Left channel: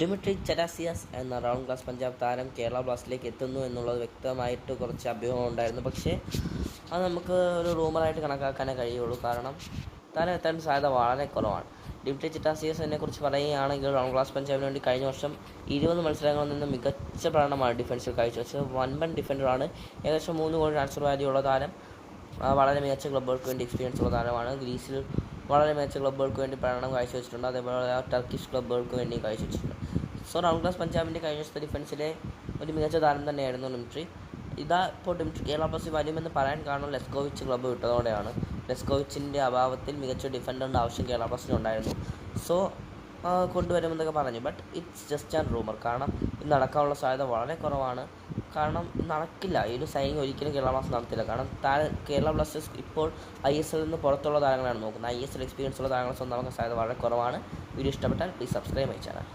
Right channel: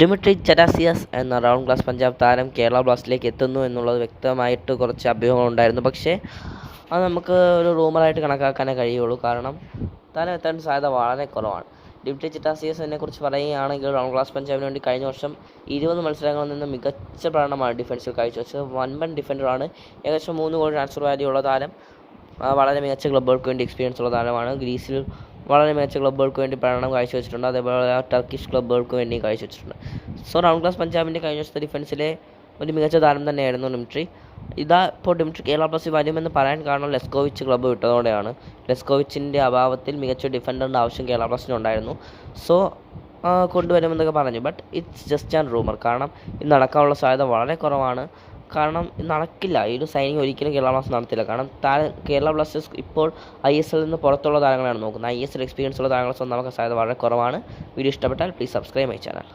Dmitry ചറ്റാസിയാസ് എന്ന round class Punjab താരം കേരള ബ്ലാസ്റ്റിലേക്ക് എത്തുന്നു എന്നുള്ളത് വ്യക്തമായിട്ട് കുറച്ച് അഭ്യൂഹങ്ങളുണ്ടായിരുന്നു. പക്ഷേ അത് നമുക്ക് ഒരു റൂമറായിട്ട് കണക്കാക്കാനേ കഴിയുള്ളൂ. കാരണം താരം എത്താൻ സാധ്യത വളരെ കുറവാണ്. ഡിമിട്രി ചറ്റാസിയാസിനെ കുറിച്ച് പറയുകയാണെങ്കിൽ റൗണ്ട് ക്ലാസ് പഞ്ചാബിന് വേണ്ടി കഴിഞ്ഞ വർഷം 20 മത്സരങ്ങളിൽ നിന്ന് മികച്ച പ്രകടനമാണ് ഡിഫൻസിൽ കാഴ്ചവെച്ചത്. വൻപൻ ഡിഫൻഡറാണ്. ഏകദേശം 3 കോടി ട്രാൻസ്ഫർ വാല്യൂ ഉള്ള താരം. വളരെ മികച്ച ക്ലബ്ബുകൾക്ക് വേണ്ടി എക്സ്പീരിയൻസ് ഉള്ള താരമാണ്. ഗ്രീസിൽ വളരെ മികച്ച ക്ലബ്ബുകൾക്ക് വേണ്ടി പ്രകടനം കാഴ്ചവെച്ചിട്ടുണ്ട്. അതേപോലെ ടർക്കിഷ് ക്ലബ്ബുകൾക്ക് വേണ്ടി കാഴ്ചവെച്ചിട്ടുണ്ട്. സോ റൗണ്ട് ക്ലാസ് പഞ്ചാബിൻ്റെ കഴിഞ്ഞ ദിവസത്തെ ഡിഫൻസിലെ ഒരു മികച്ച താരം തന്നെയായിരുന്നു ഡിമിട്രി. ഇപ്പോൾ ഡിമിട്രി കേരള ബ്ലാസ്റ്റേഴ്സിൽ വരുമെന്ന് പറയാൻ കാരണം ലെസ്കോവിച്ച് ക്ലബ്ബ് വിട്ടതോടെയാണ്. ലെസ്കോവിച്ചിൻ്റെ അഭാവത്തിൽ മികച്ച ഡിഫൻഡറിൻ്റെ ആവശ്യം കേരള ബ്ലാസ്റ്റേഴ്സിനുണ്ടായിരുന്നു. സോ കൊണ്ടുവരുമെന്നൊക്കെ പറഞ്ഞു. But it's just an rumour. കാരണം ഇത് നടക്കാനുള്ള സാധ്യത വളരെ കുറവാണ്. കാരണം ഇത് നടക്കില്ല. ഈ ഒരു സൈനിങ് ഒരിക്കലും കേരള ബ്ലാസ്റ്റേഴ്സ് നടത്തില്ല. കാരണം കേരള ബ്ലാസ്റ്റേഴ്സ് ഇപ്പോൾ ISL നിന്ന് പുറത്തുള്ള താരങ്ങളാണ് നോക്കുന്നത്. ISL എക്സ്പീരിയൻസ് ഉള്ള താരങ്ങളെ സ്വന്തമാക്കാൻ സാധ്യത വളരെ കുറവാണ്. വീഡിയോ ഇഷ്ടപ്പെട്ടാൽ പ്ലീസ് സബ്സ്ക്രൈബ് മൈ ചാനൽ.